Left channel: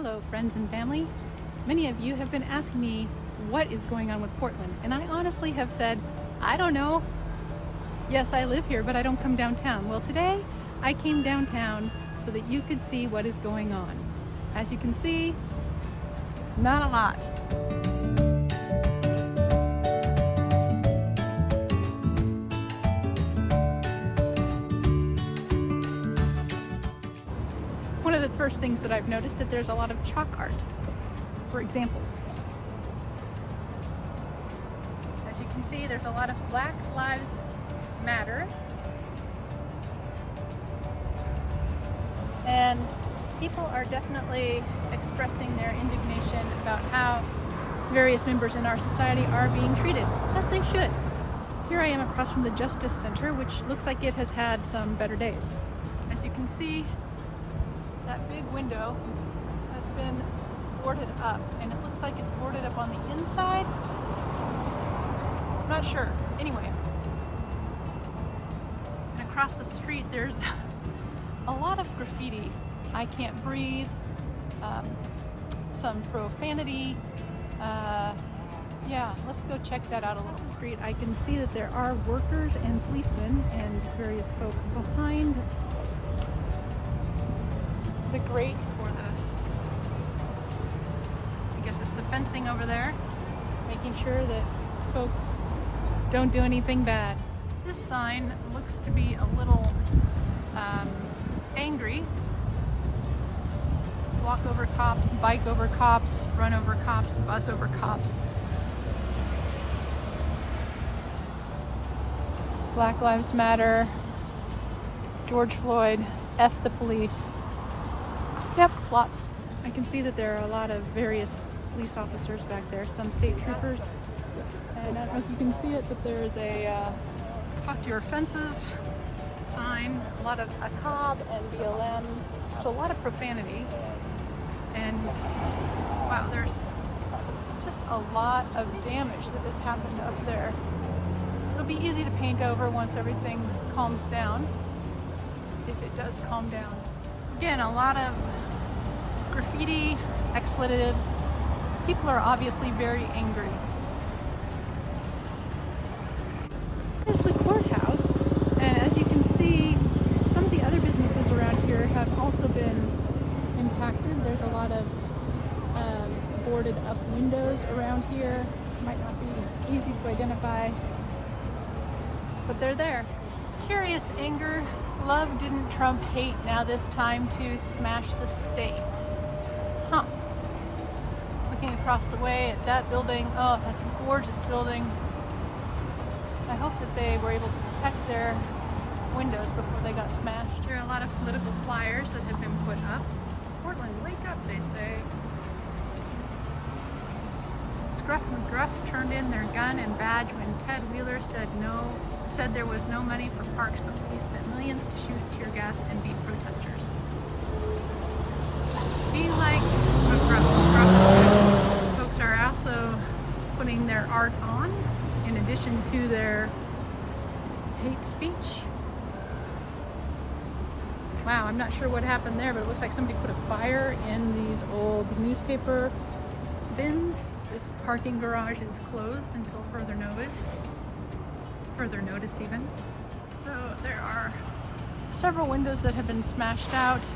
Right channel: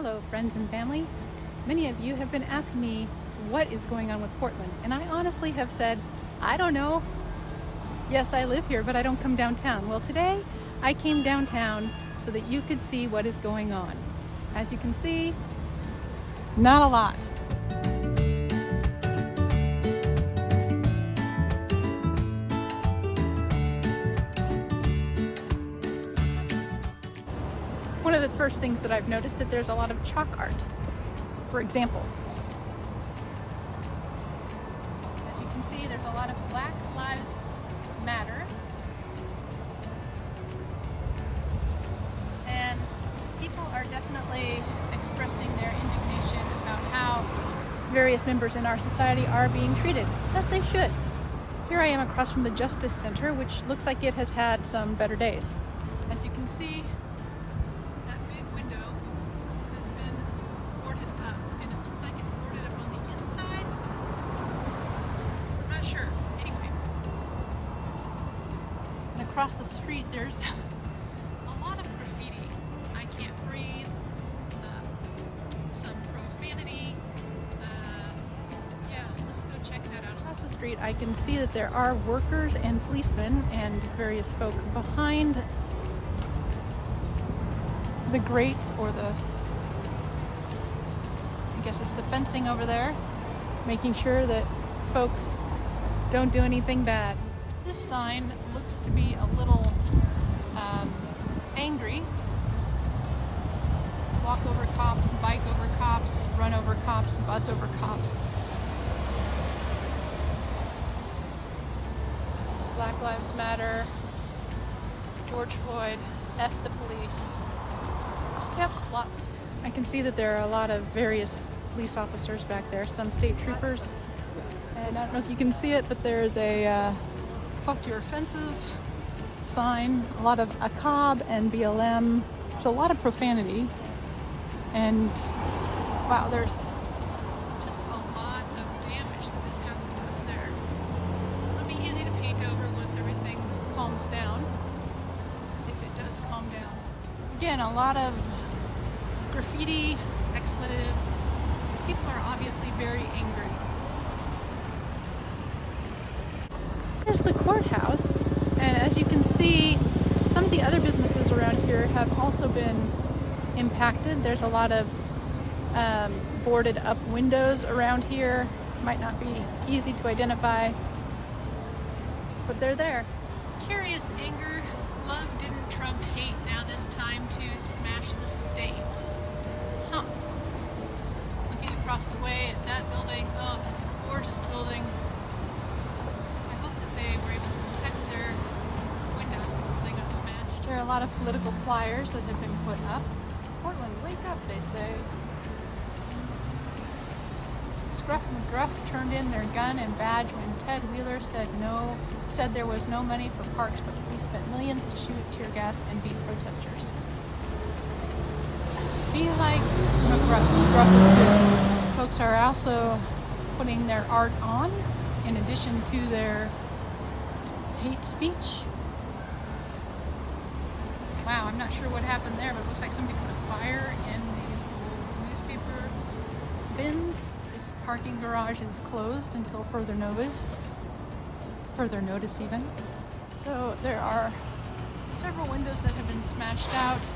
Hello, friends and family. Many of you have been asking me what is going on with Portland, and I honestly have said, I don't know. Yes, I live here, but I don't come downtown. Well, today I came downtown so that you could see what is going on. As you can see, not a lot. One of the first things that I've noticed that there's a lot of chalk art. For example, as you can see, there's a lot of Black Lives Matter, and people are definitely expressing their indignation about how various members in our society are being treated, as they should. Here I am across from the Justice Center, which looks like it has had some better days. As you can see, that big window has been boarded up, and it looks like it's boarded up on the inside. I'm not sure. Anyway, and across the street there's a lot of graffiti. I can't breathe, some profanity. Yeah, let's go check that out. Across the street I can see that there are workers and policemen and various folk behind the grates, or I guess it's the fencing over there, making sure that folks don't do anything bad. This sign looks to be a little angry. Walk over cops, bike over cops, run over cops, bus over cops. Black Lives Matter, George Floyd, F the police. Yep, lots. I can see that there are a lot of various police officers back there, some state troopers. And I don't know if you can see it, but there's a fuck your fences sign, a lot of ACAB and BLM. There's a lot of profanity. And wow, there's just a lot of damage that has happened up there. It'll be easy to paint over once everything calms down, if it does calm down. Again, a lot of graffiti, expletives. People are obviously very angry. Here's the courthouse, and as you can see, some of the other businesses around here have also been impacted. There's a lot of boarded up windows around here. Might not be easy to identify, but they're there. Curious anger. Love didn't trump hate. Now this time to smash the state. Huh. Looking across the way at that building. Oh, that's a gorgeous building. I hope that they were able to protect their windows before they got smashed. There are a lot of political flyers that have been put up. Portland, wake up, they say. Scruff McGruff turned in their gun and badge when Ted Wheeler said there was no money for parks, but police spent millions to shoot tear gas and beat protesters. Be like McGruff. McGruff is good. Folks are also putting their art on in addition to their hate speech. Wow, I'm not sure what happened there, but it looks like somebody put a fire in these old newspaper bins. This parking garage is closed until further notice even. So there are several windows that have been smashed out.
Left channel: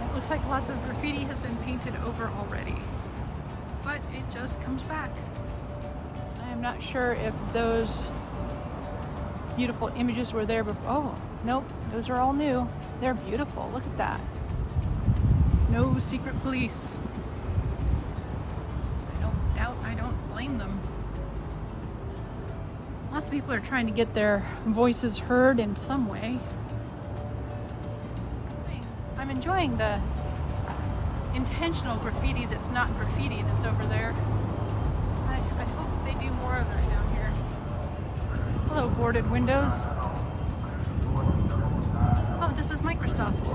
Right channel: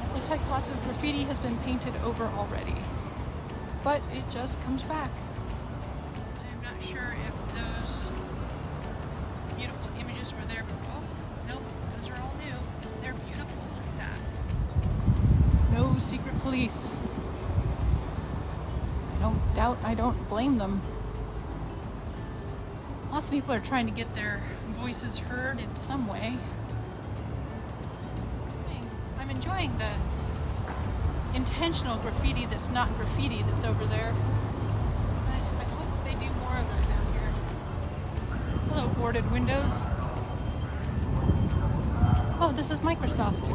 It looks like lots of graffiti has been painted over already, but it just comes back. I am not sure if those beautiful images were there before. Oh, nope, those are all new. They're beautiful, look at that. No secret police. I don't blame them. Lots of people are trying to get their voices heard in some way. I'm enjoying the intentional graffiti that's not graffiti that's over there. I hope they do more of that down here. Hello, boarded windows. Oh, this is Microsoft.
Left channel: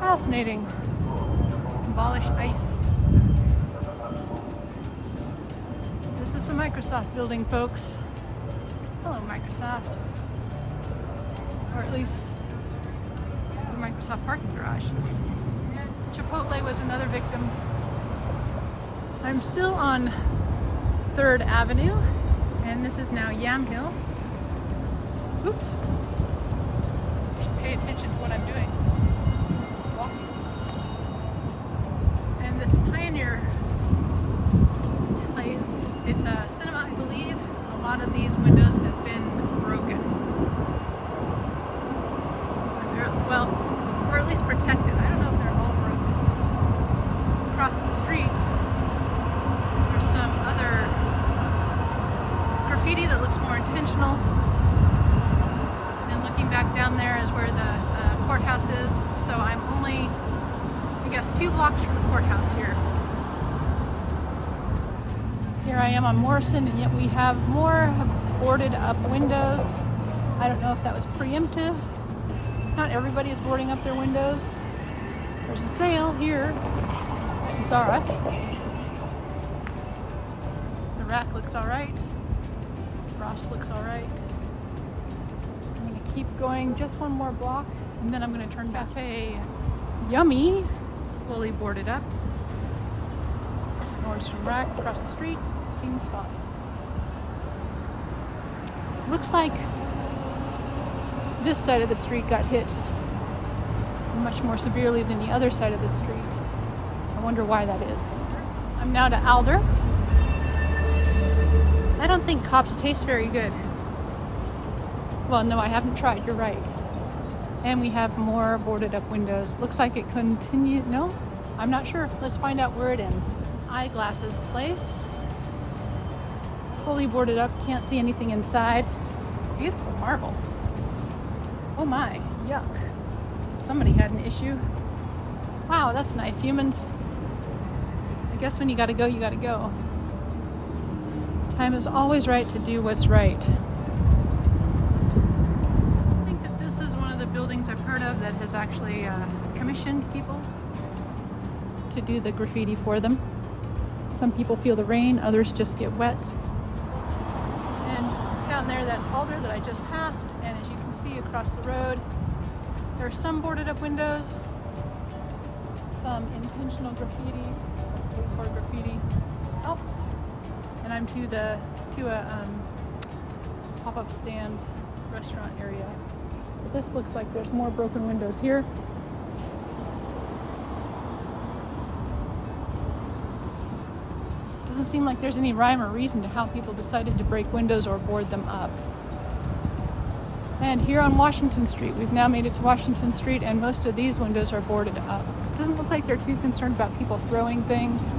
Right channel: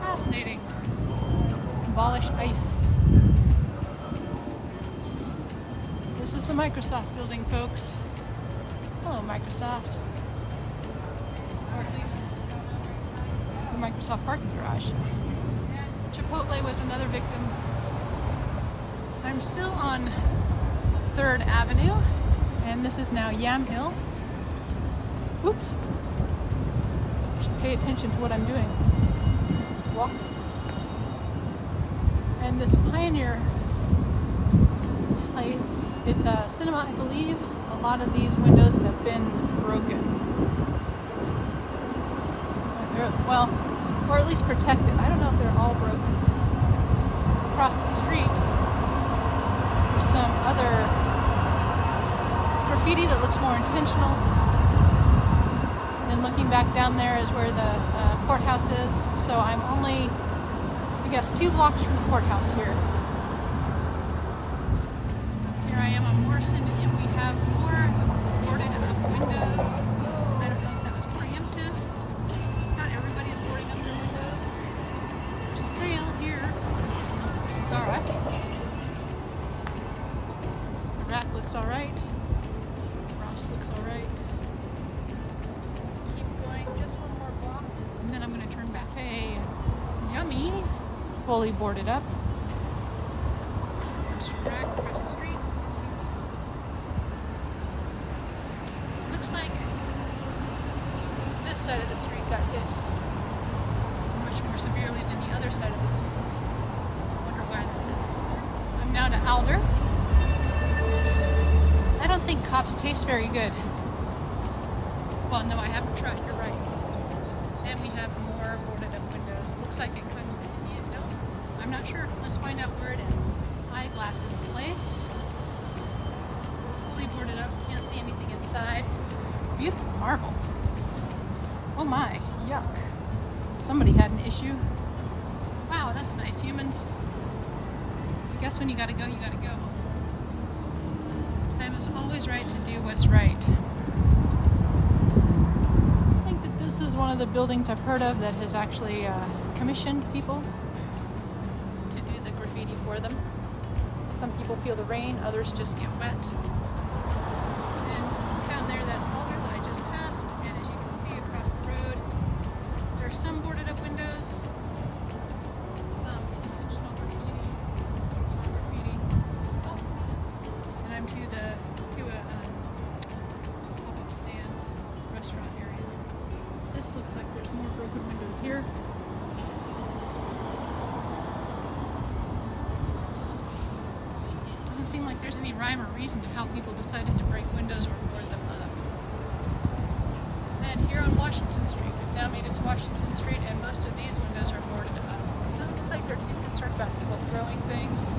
Fascinating. Abolish ICE. This is the Microsoft building, folks. Hello, Microsoft. Or at least the Microsoft parking garage. Chipotle was another victim. I'm still on 3rd Avenue, and this is now Yamhill. Oops. Pay attention to what I'm doing. Walking. And this Pioneer place, it's a cinema, I believe. A lot of these windows have been broken. Well, or at least protected. I don't know if they're all broken. Across the street, there's some other graffiti that looks more intentional. And then looking back down there is where the courthouse is. So I'm only, I guess, 2 blocks from the courthouse here. Here I am on Morrison, and yet we have more boarded up windows. I don't know if that was preemptive. Not everybody is boarding up their windows. There's a sale here at Zara. The rack looks all right. Ross looks all right. Keep going just one more block, and then I'm going to turn back. Cafe Yummy, fully boarded up. Nordstrom rack across the street. Seems fun. Looks like this side of the street got hit much more severely than the other side of the street. I wonder why that is. I'm now to Alder. I don't think cops taste very good. Well, no, I haven't tried. You're right. And we have more boarded up windows. Looks like it continues. No, I'm not sure. Let's find out where it ends. Eyeglasses place. Fully boarded up. Can't see anything inside. Beautiful marble. Oh my, yuck. Somebody had an issue. Wow, that's nice. Humans, I guess when you gotta go, you gotta go. Time is always right to do what's right. I think that this is one of the buildings I've heard of that has actually commissioned people to do the graffiti for them. Some people feel the rain, others just get wet. And down there, that's Alder that I just passed, and as you can see across the road, there are some boarded up windows, some intentional graffiti, or graffiti. Oh, and I'm to a pop-up stand restaurant area. This looks like there's more broken windows here. Doesn't seem like there's any rhyme or reason to how people decided to break windows or board them up. And here on Washington Street, we've now made it to Washington Street, and most of these windows are boarded up. It doesn't look like they're too concerned about people throwing things.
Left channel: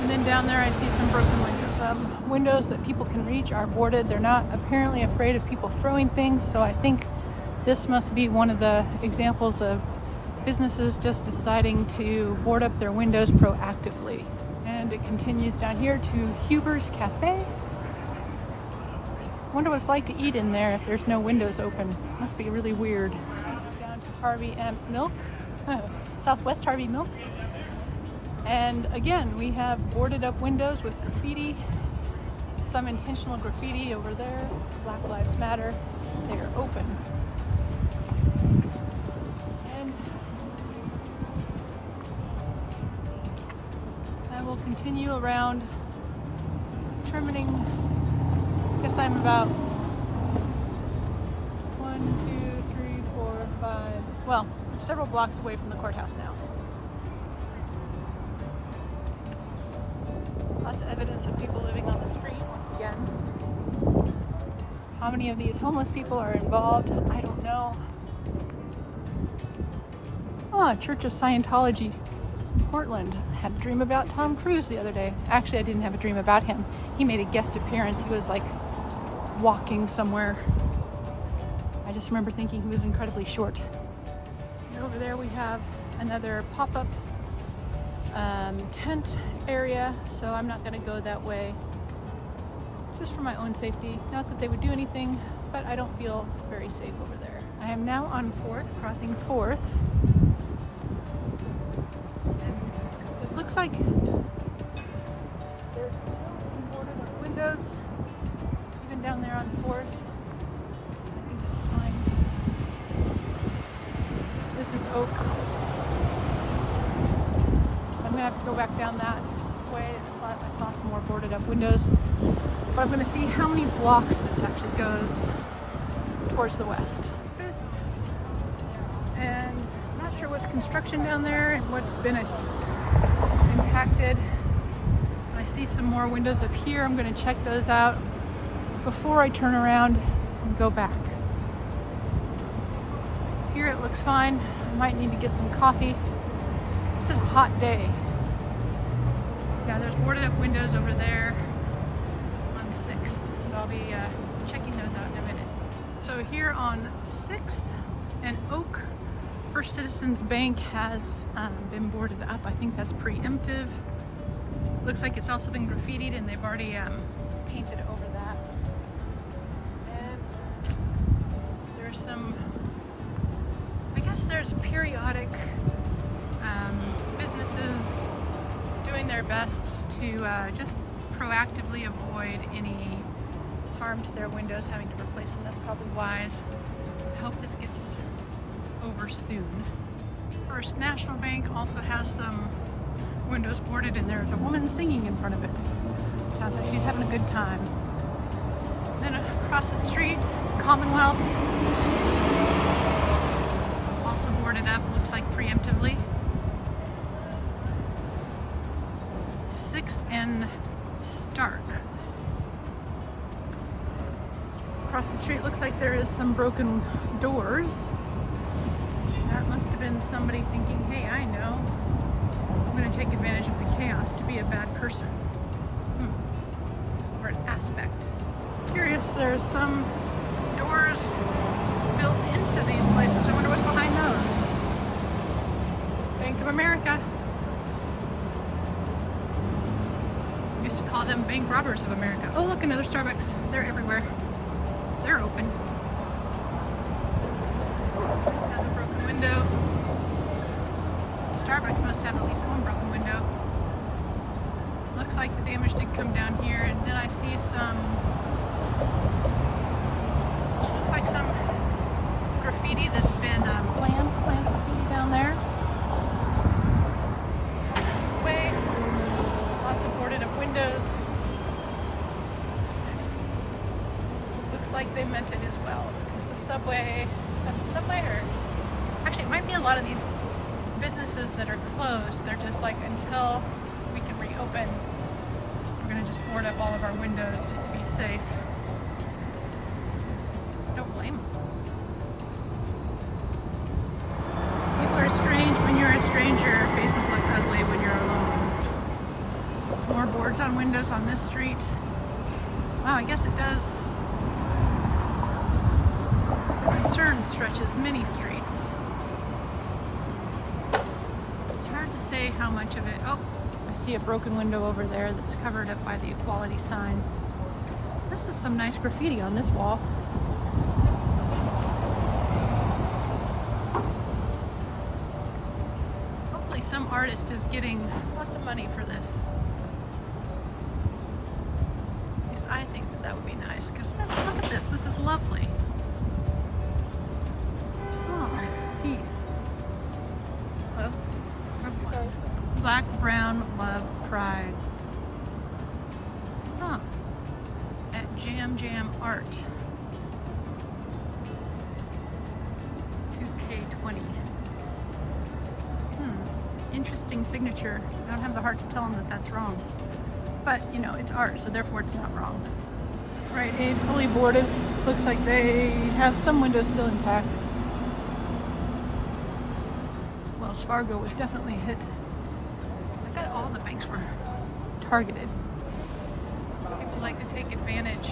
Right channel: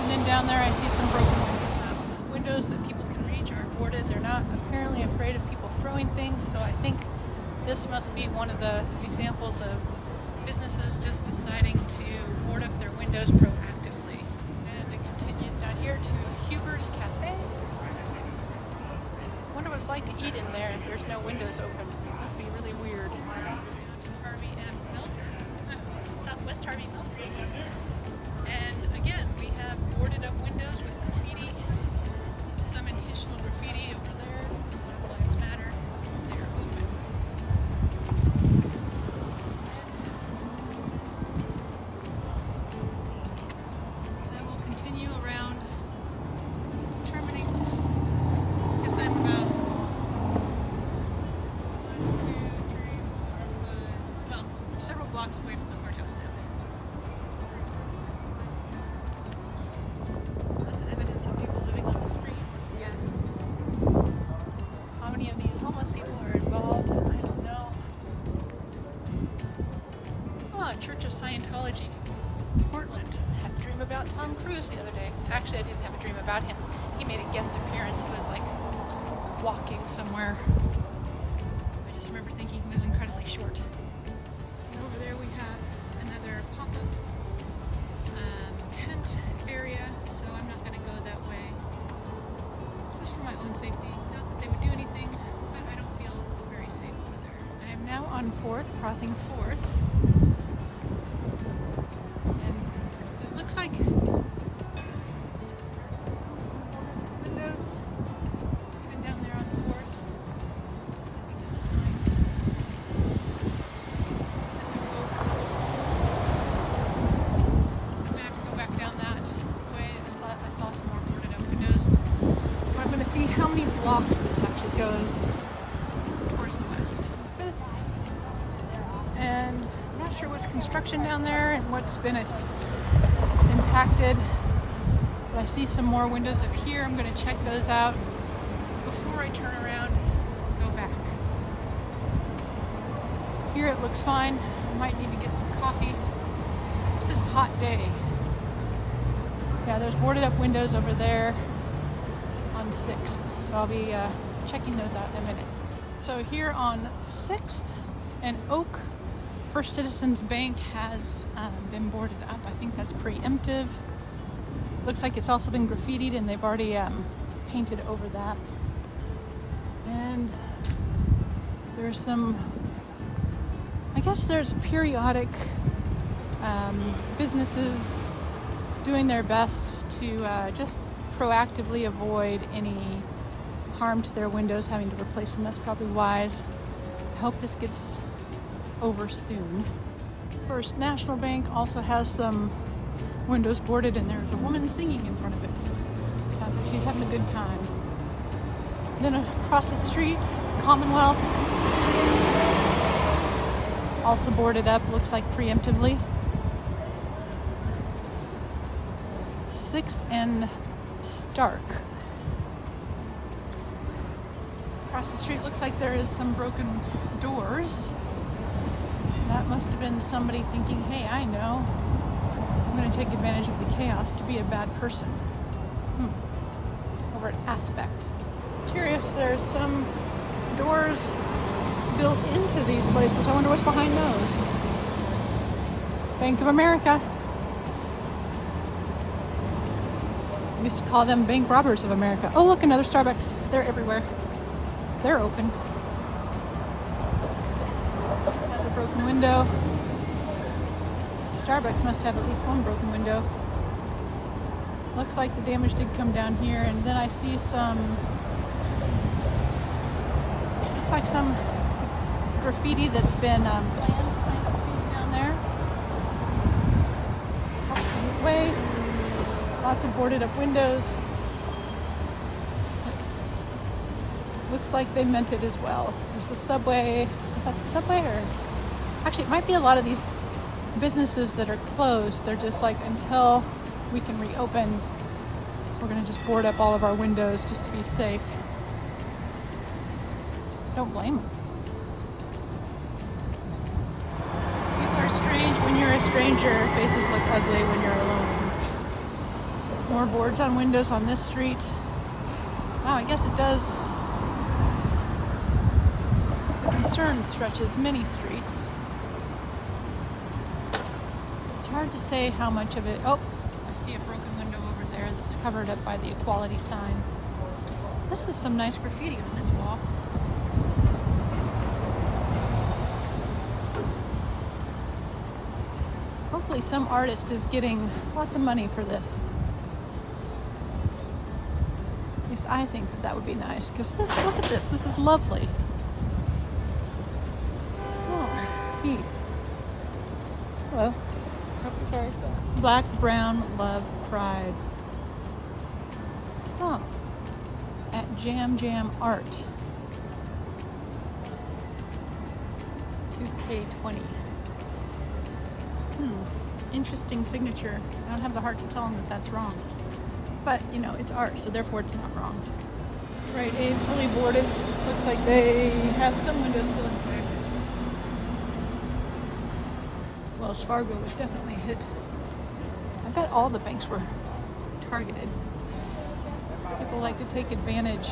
And then down there I see some broken windows. Windows that people can reach are boarded. They're not apparently afraid of people throwing things, so I think this must be one of the examples of businesses just deciding to board up their windows proactively. And it continues down here to Huber's Cafe. I wonder what it's like to eat in there if there's no windows open. Must be really weird. Down to Harvey and Milk, Southwest Harvey Milk. And again, we have boarded up windows with graffiti, some intentional graffiti over there. Black Lives Matter. They are open. And I will continue around, determining, I guess I'm about 1, 2, 3, 4, 5, well, several blocks away from the courthouse now. Lots of evidence of people living on the street once again. How many of these homeless people are involved? I don't know. Oh, Church of Scientology, Portland. I had a dream about Tom Cruise the other day. Actually, I didn't have a dream about him. He made a guest appearance. He was like walking somewhere. I just remember thinking he was incredibly short. And over there we have another pop-up tent area, so I'm not going to go that way, just for my own safety. Not that they would do anything, but I don't feel very safe over there. I am now on 4th, crossing 4th, and it looks like there's still some boarded up windows, even down there on 4th. I think it's walk down that way. I saw some more boarded up windows. But I'm going to see how many blocks this actually goes towards the west. And I'm not sure what's construction down there and what's been impacted. But I see some more windows up here. I'm going to check those out before I turn around and go back. Here it looks fine. I might need to get some coffee. This is a hot day. Yeah, there's boarded up windows over there on 6th. So I'll be checking those out in a minute. So here on 6th and Oak, First Citizens Bank has been boarded up. I think that's preemptive. Looks like it's also been graffitied and they've already painted over that. And there's some, I guess there's periodic businesses doing their best to just proactively avoid any harm to their windows, having to replace them. That's probably wise. I hope this gets over soon. First National Bank also has some windows boarded and there's a woman singing in front of it. Sounds like she's having a good time. Then across the street, Commonwealth, also boarded up, looks like preemptively. 6th and Stark. Across the street looks like there is some broken doors. That must have been somebody thinking, hey, I know, I'm going to take advantage of the chaos to be a bad person. Over at Aspect. Curious, there's some doors built into these places. I wonder what's behind those. Bank of America. I used to call them bank robbers of America. Oh look, another Starbucks. They're everywhere. They're open. Has a broken window. Starbucks must have at least one broken window. Looks like the damage did come down here, and then I see some, looks like some graffiti that's been planned graffiti down there. Way, lots of boarded up windows. Looks like they meant it as well. There's the subway. Is that the subway, or actually it might be a lot of these businesses that are closed. They're just like, until we can reopen, we're gonna just board up all of our windows just to be safe. Don't blame them. People are strange when you're a stranger. Faces look ugly when you're alone. More boards on windows on this street. Wow, I guess it does. The concern stretches many streets. It's hard to say how much of it. Oh, I see a broken window over there that's covered up by the equality sign. This is some nice graffiti on this wall. Hopefully some artist is getting lots of money for this. At least I think that would be nice, because look at this. This is lovely. Oh, peace. Hello. Black, brown, love, pride. Oh, at Jam Jam Art. 2K20. Interesting signature. I don't have the heart to tell them that that's wrong. But, you know, it's art, so therefore it's not wrong. Right, Aid fully boarded. Looks like they have some windows still intact. Wells Fargo was definitely hit. I bet all the banks were targeted. People like to take advantage.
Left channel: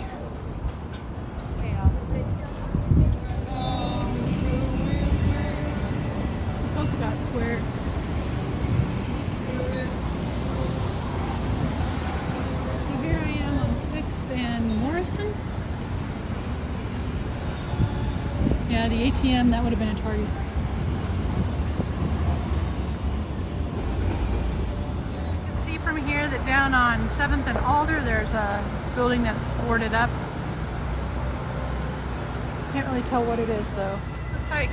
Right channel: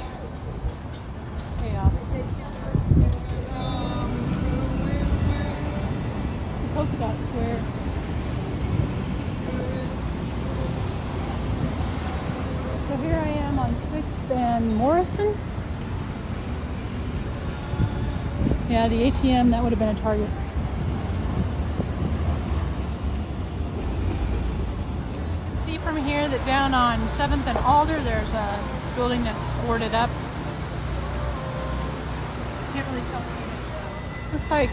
Chaos. It's the Polka Dot Square. So here I am on 6th and Morrison. Yeah, the ATM, that would have been a target. From here that down on 7th and Alder there's a building that's boarded up. Can't really tell what it is though. Looks like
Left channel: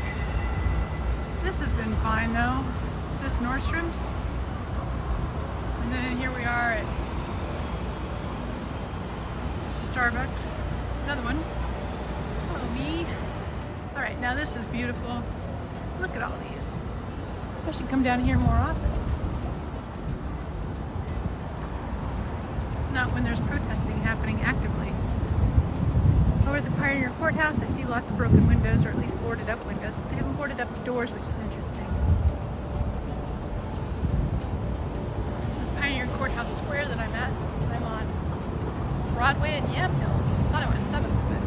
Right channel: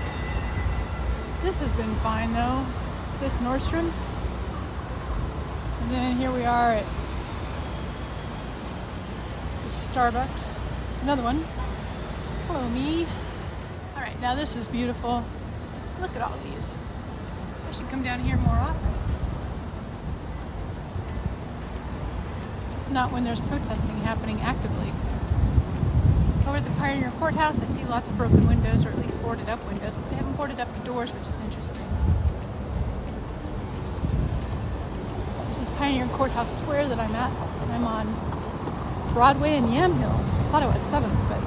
this has been fine though. Is this Nordstrom's? And then here we are at the Starbucks. Another one. Hello, me. All right, now this is beautiful. Look at all these. I should come down here more often. Just not when there's protesting happening actively. Over at the Pioneer Courthouse, I see lots of broken windows, or at least boarded up windows, but they haven't boarded up the doors, which is interesting. This is Pioneer Courthouse Square that I'm at. I'm on Broadway and Yamhill. I thought it was 7th, but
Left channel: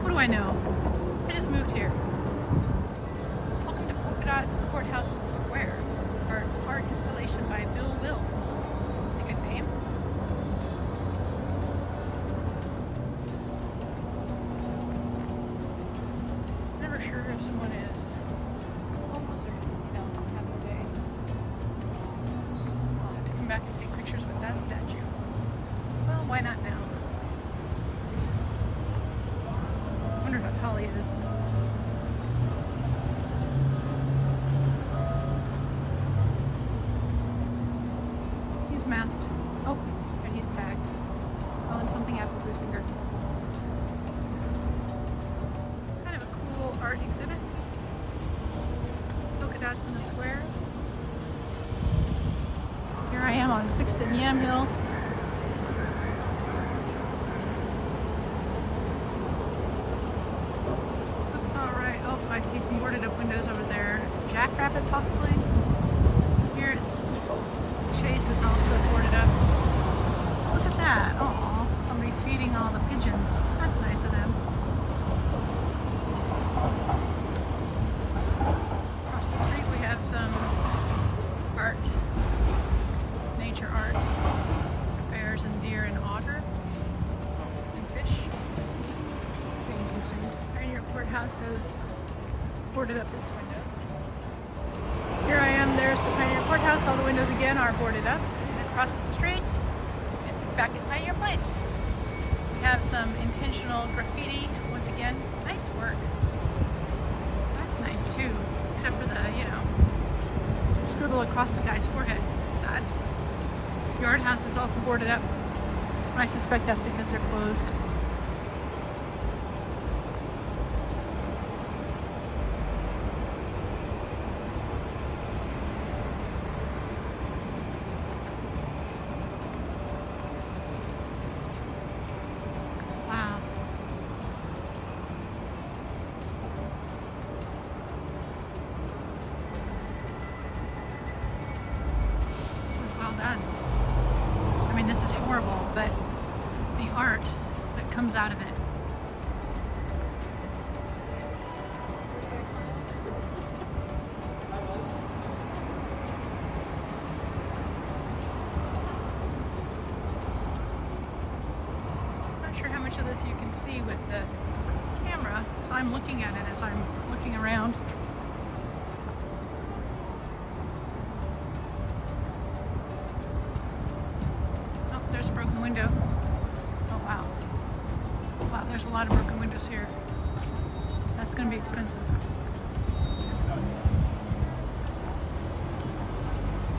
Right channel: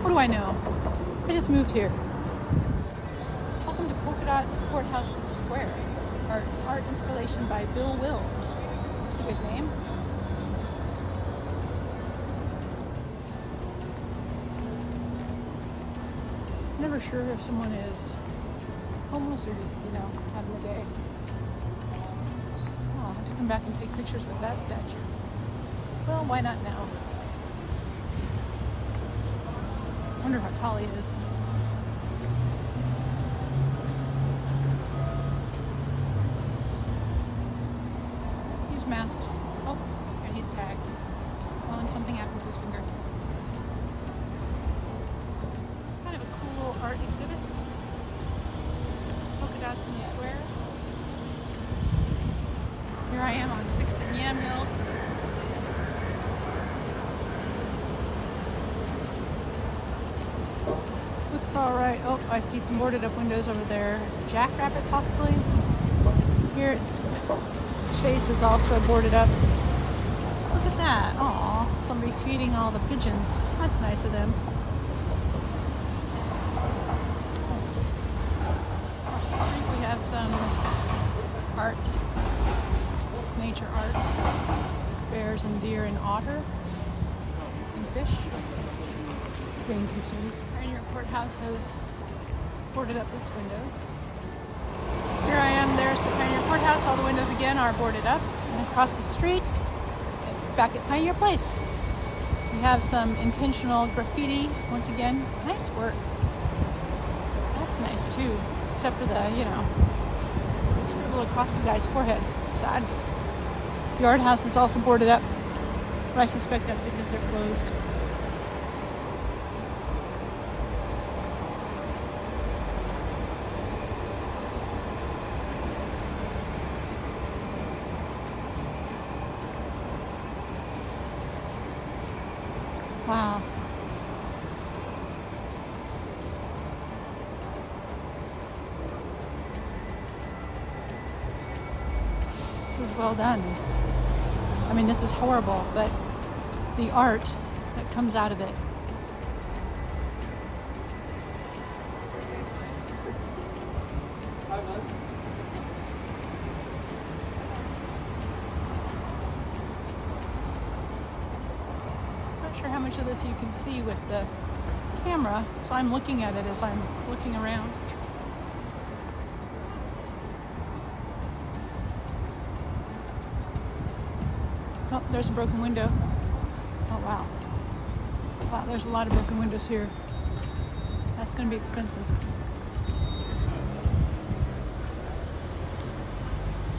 what do I know? I just moved here. Welcome to Polka Dot Courthouse Square. Art installation by Bill Will. That's a good name. Never sure if someone is homeless or just, having a day. I'll have to come back and take pictures with that statue. Well, why not now? I wonder how tall he is. He's masked. Oh, and he's tagged. Oh, and something happened to his finger. Kind of a cool art exhibit. Polka dots in the square. Here I am on 6th and Yamhill. Looks all right. Oh, I see some boarded up windows over there. Jackrabbit possibly. Here Chase is also boarded up. Look at that. Aw, somebody's feeding all the pigeons. That's nice of them. Across the street we have some art, nature art. Bears and deer and otter and fish being consumed. Pioneer Courthouse has boarded up its windows. Here I am, there's the Pioneer Courthouse. All the windows again are boarded up. And across the street, back at Pioneer Place, we have some intentional graffiti. Once again, nice work. That's nice too, except for the, scribble across the guy's forehead. Sad. Yard House is also boarded up, but I suspect that's because they're closed. Wow. This is well done. I mean, this is horrible, but the art that comes out of it. Not sure how much of this you can see with the camera, so I'm looking at it as I'm looking around. Oh, there's a broken window. Oh, wow. Wow, there's a lot of broken windows here. That's going to be expensive.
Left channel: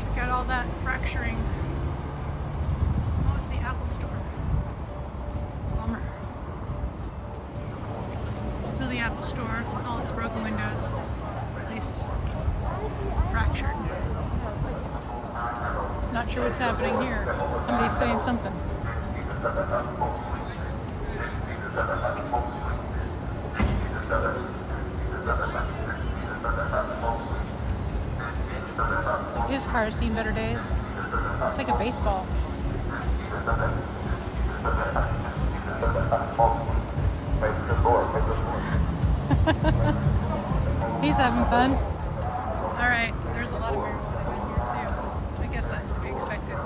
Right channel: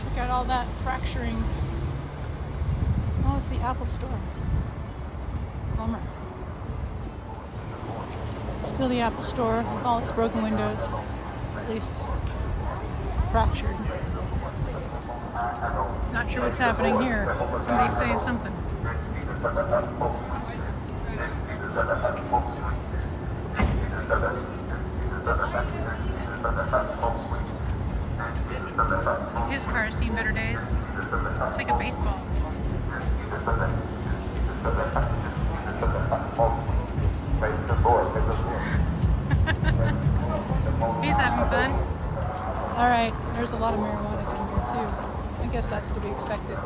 Check out all that fracturing. Oh, it's the Apple Store. Bummer. Still the Apple Store with all its broken windows, or at least fractured. Not sure what's happening here. Somebody's saying something. His car has seen better days. It's like a baseball. He's having fun. Alright, there's a lot of movement too. I guess that's to be expected.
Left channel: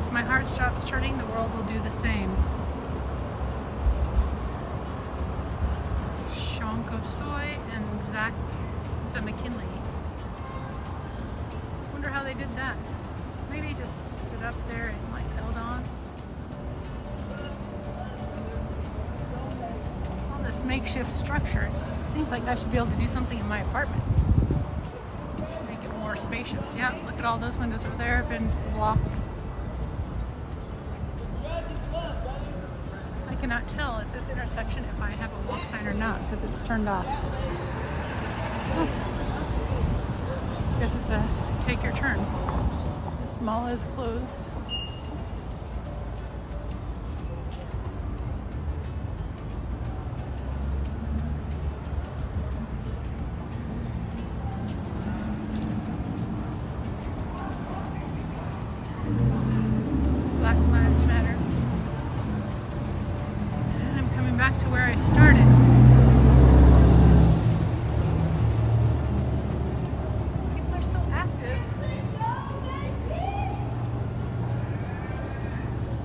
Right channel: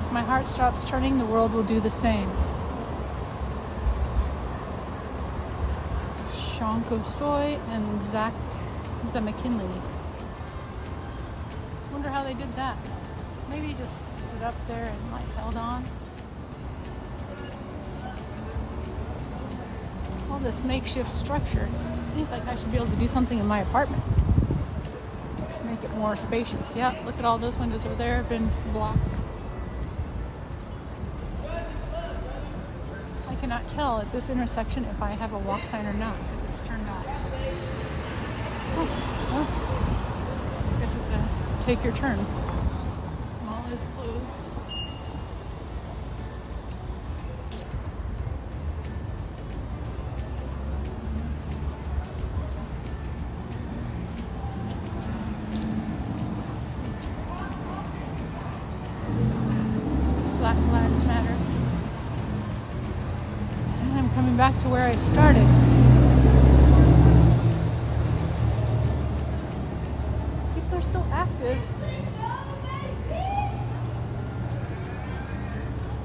If my heart stops turning, the world will do the same. Sean Kosoy and Zach McKinley. Wonder how they did that. Maybe just stood up there and like held on. All this makeshift structure. It seems like I should be able to do something in my apartment. Make it more spacious. Yeah, look at all those windows over there have been blocked. I cannot tell at this intersection if I have a walk sign or not because it's turned off. Oh, I guess it's a take your turn. This mall is closed. Black Lives Matter. And I'm coming back to where I started. People are still active.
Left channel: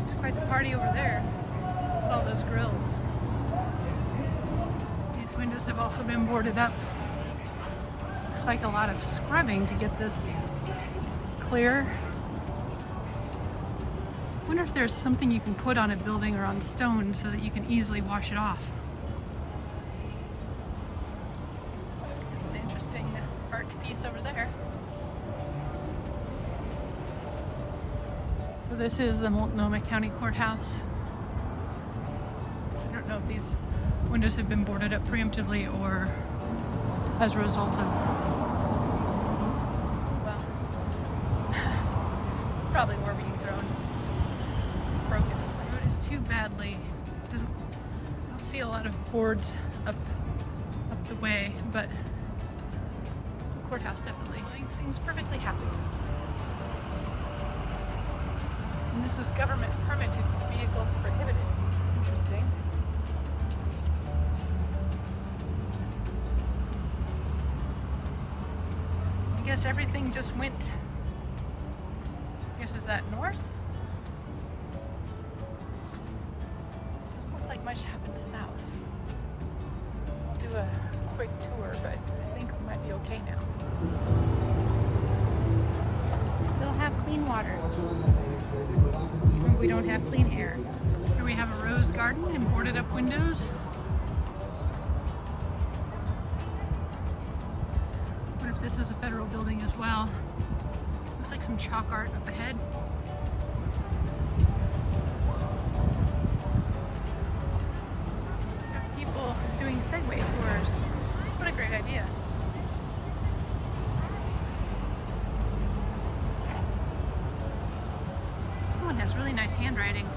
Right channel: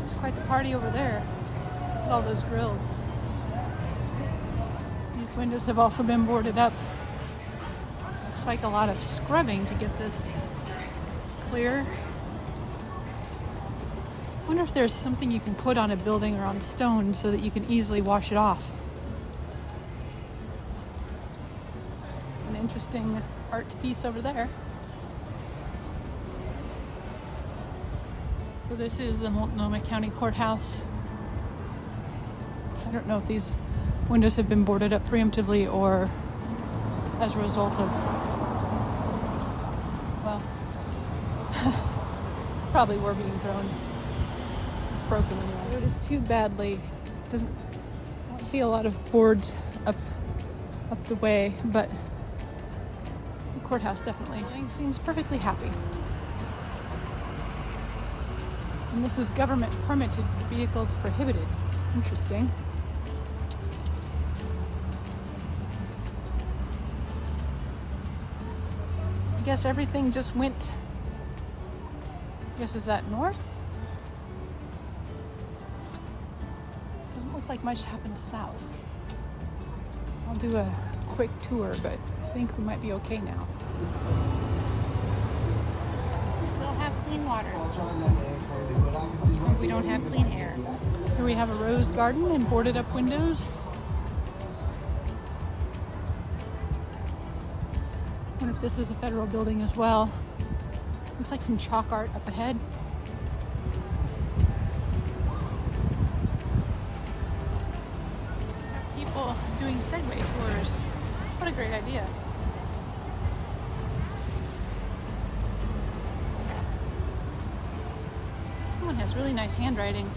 It's quite the party over there with all those grills. These windows have also been boarded up. Looks like a lot of scrubbing to get this clear. I wonder if there's something you can put on a building or on stone so that you can easily wash it off. It's an interesting art piece over there. So this is the Multnomah County Courthouse. I don't know if these windows have been boarded up preemptively or as a result of, well, probably were being thrown. Broken. It is too badly. I don't see a lot of boards up the way, but the courthouse definitely seems perfectly happy. And this is government permitted vehicles prohibited. Interesting. I guess everything just went. I guess is that north? Much happened south. I'll do a quick tour, but I think we might be okay now. We still have clean water. But we don't have clean air. Here we have a rose garden and boarded up windows. I wonder if this is a federal building as well. Looks like some chalk art up ahead. Doing Segway tours. What a great idea. Someone has really nice handwriting.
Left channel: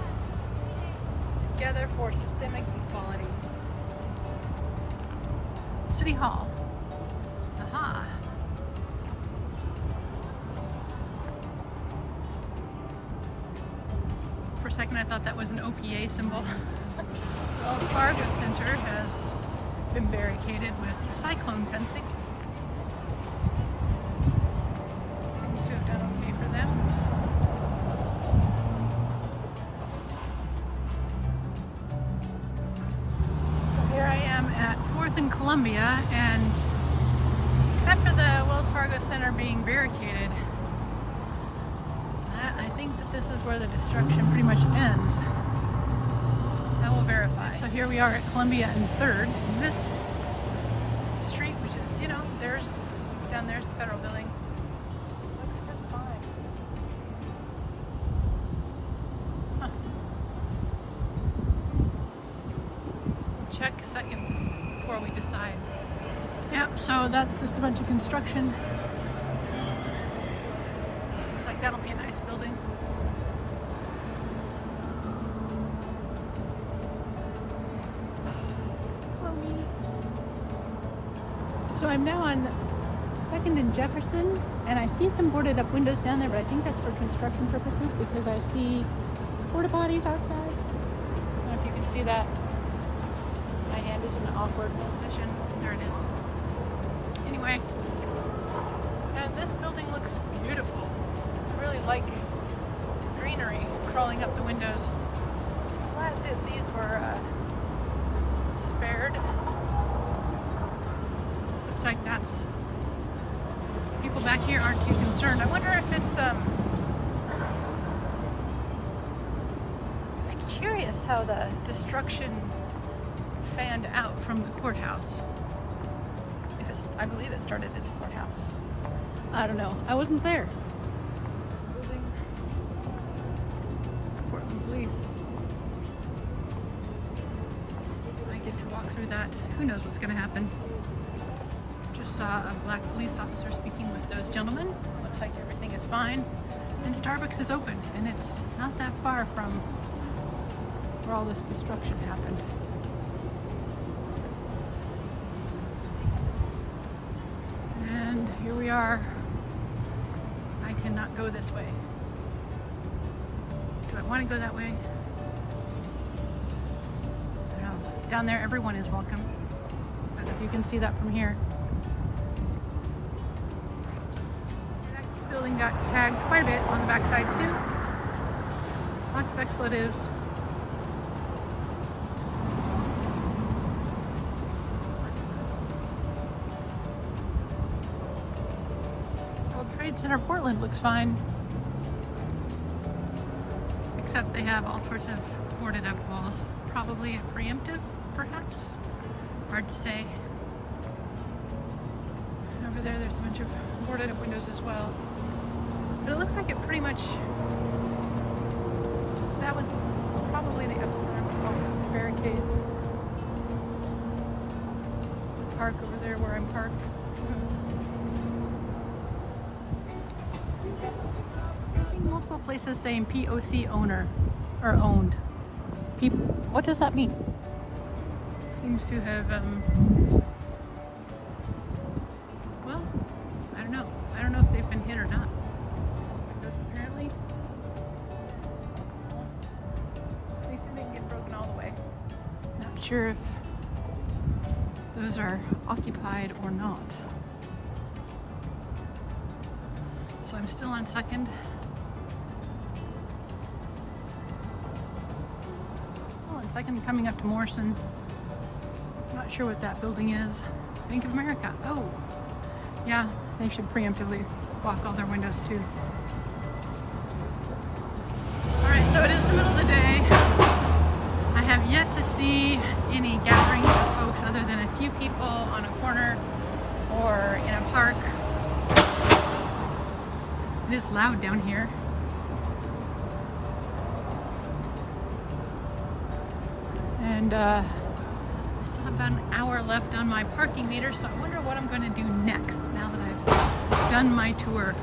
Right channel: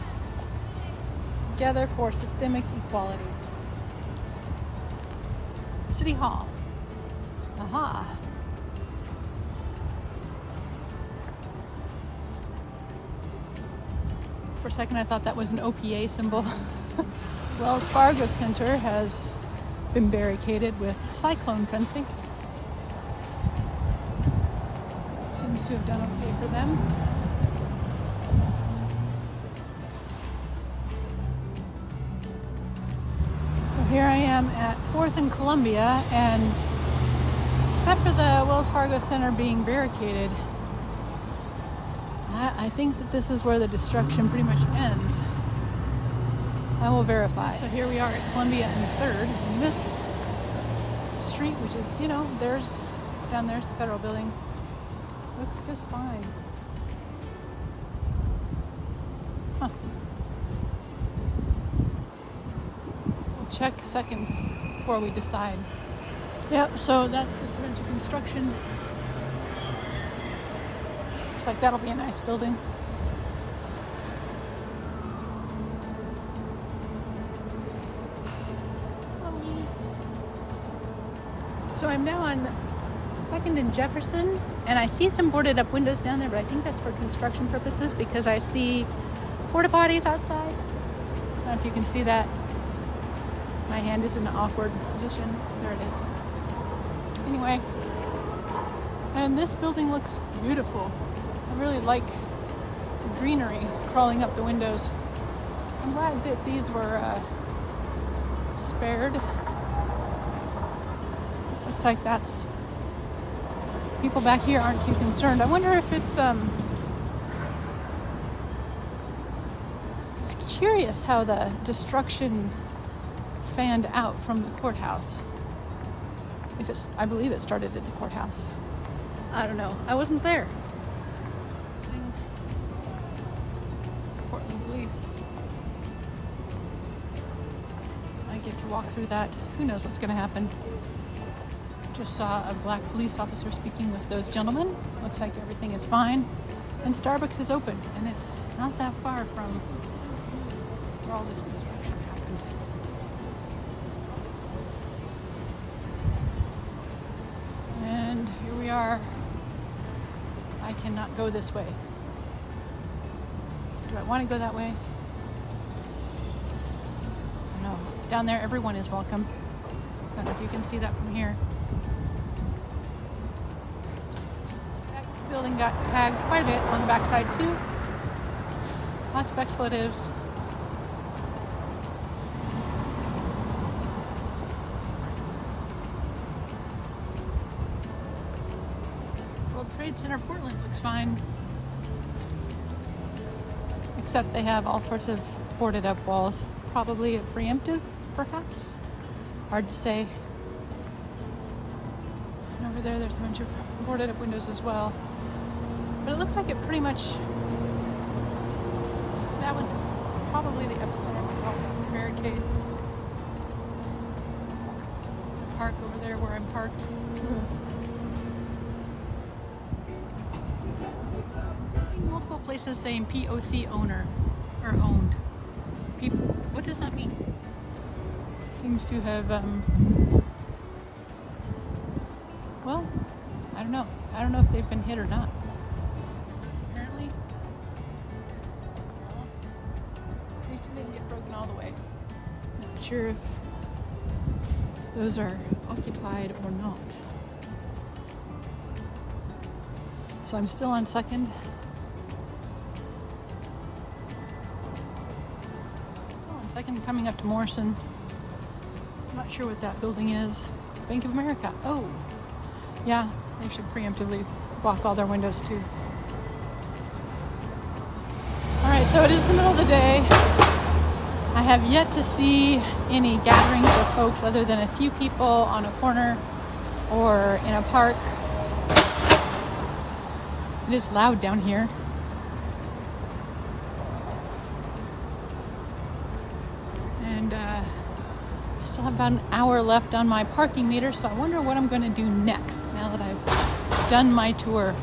Together for Systemic Equality. City Hall. Aha. For a second I thought that was an OPA symbol. Wells Fargo Center has been barricaded with cyclone fencing. Seems to have done okay for them. So here I am at 4th and Columbia, and except for the Wells Fargo Center being barricaded, I think that this is where the destruction pretty much ends. I will verify. So here we are at Columbia and 3rd. And this street, which is, you know, down there's the federal building, looks just fine. Huh. Check second before we decide. Yep, so that's just a bunch of construction. Looks like that'll be a nice building. So I'm now on 2nd and Jefferson, and I see some boarded up windows down there, but I think that's for construction purposes because I see porta potties outside. I don't know if you can see that. My hand is in an awkward position. There it is. Anyway, and this building looks beautiful. I really like the greenery crawling up the windows. I'm glad that these were spared. Looks like that's People back here aren't too concerned. I wonder if it's just curious how the destruction fanned out from the courthouse. I believe it started at the courthouse. I don't know. I wasn't there. Building. Portland Police. I get to walk through that. Who knows what's going to happen. Just saw a black police officer speaking with those gentlemen. Looks like everything is fine. And Starbucks is open, and it's not that far from where all this destruction happened. And here we are. I cannot go this way. Do I want to go that way? I don't know. Down there, everyone is welcome. I don't know if you can see that from here. That building got tagged quite a bit on the backside too. Lots of expletives. World Trade Center Portland looks fine. Except they have all sorts of boarded up walls. Probably a preemptive, perhaps? Hard to say. And over there's a bunch of boarded up windows as well. But it looks like it pretty much, that was probably the epicenter with all the barricades. The park over there where I'm parked. Multiple places saying POC owner or owned. What does that mean? Seems to have well, I don't know. I don't know if they've been hit or not. Windows apparently. At least it didn't get broken all the way. Not sure if those are occupied or not. So I'm still on Second. Second, coming up to Morrison. Not sure what that building is. Bank of America. Oh, yeah, they should preemptively block all their windows too. All right, so it is the middle of the day. I have yet to see any gatherings of folks other than a few people on a corner or in a park. It is loud down here. And I still have about an hour left on my parking meter, so I wonder what I'm going to do next now that I've done my tour.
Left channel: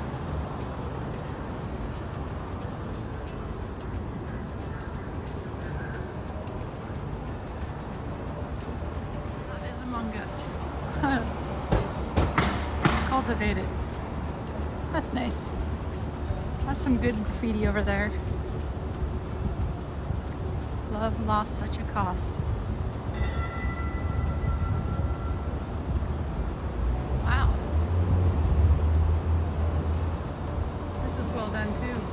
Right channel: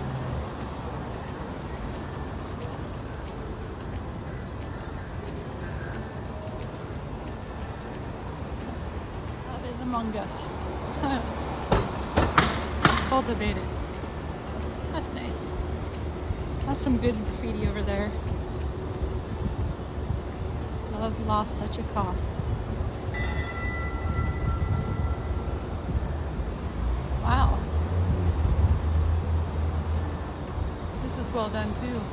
God is among us. Cultivated. That's nice. That's some good graffiti over there. Love lost such a cost. Wow. This is well done too.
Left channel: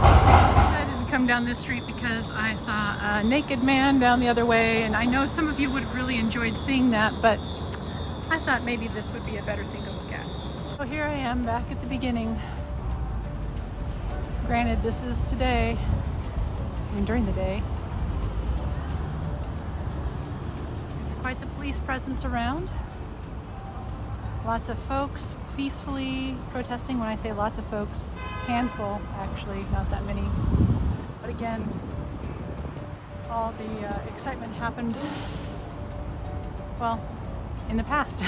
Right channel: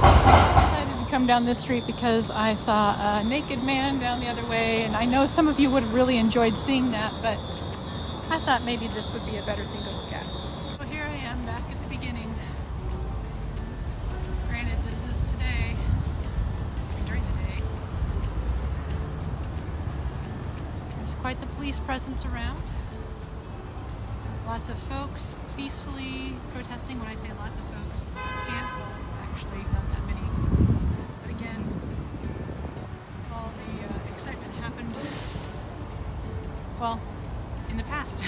I decided to come down this street because I saw a naked man down the other way, and I know some of you would have really enjoyed seeing that, but I thought maybe this would be a better thing to look at. So here I am back at the beginning. Granted, this is today and during the day. There's quite the police presence around. Lots of folks peacefully protesting. When I say lots of folks, handful actually, not that many. But again, all the excitement happened, well, in the past.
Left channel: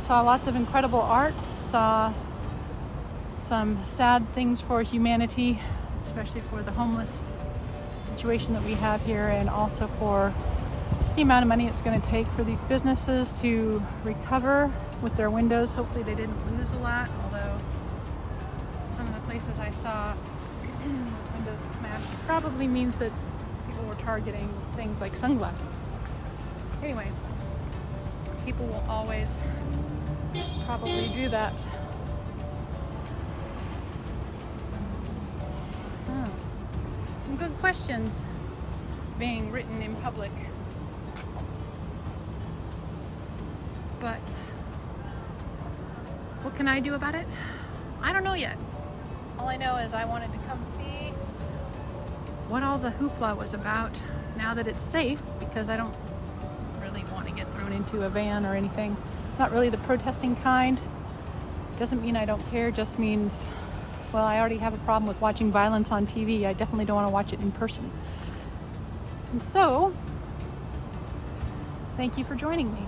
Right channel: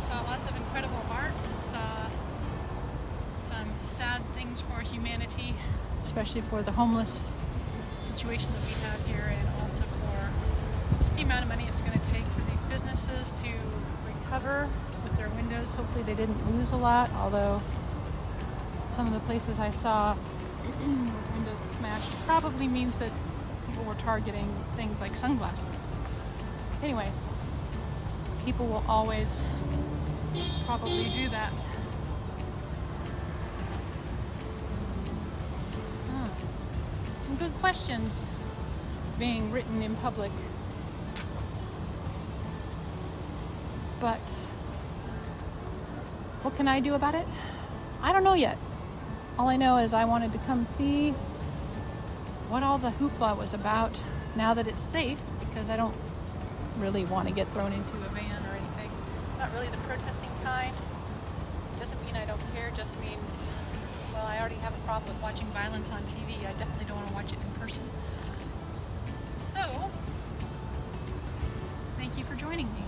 Saw lots of incredible art, saw some sad things for humanity, especially for the homeless situation that we have here, and also for just the amount of money it's going to take for these businesses to recover with their windows. Hopefully they didn't lose a lot, although some of the places I saw with windows smashed probably means that people were targeting things like sunglasses. Anyway, people will always probably do that. some good questions being written in public. But what can I do about it? I don't know yet. All I know is I wanted to come see what all the hoopla was about now that it's safe, because I don't really want to get thrown into a van or anything. Not really the protesting kind. Doesn't mean I don't care, just means, well, I already have a problem with watching violence on TV. I definitely don't want to watch it in person. And so, thank you for joining me.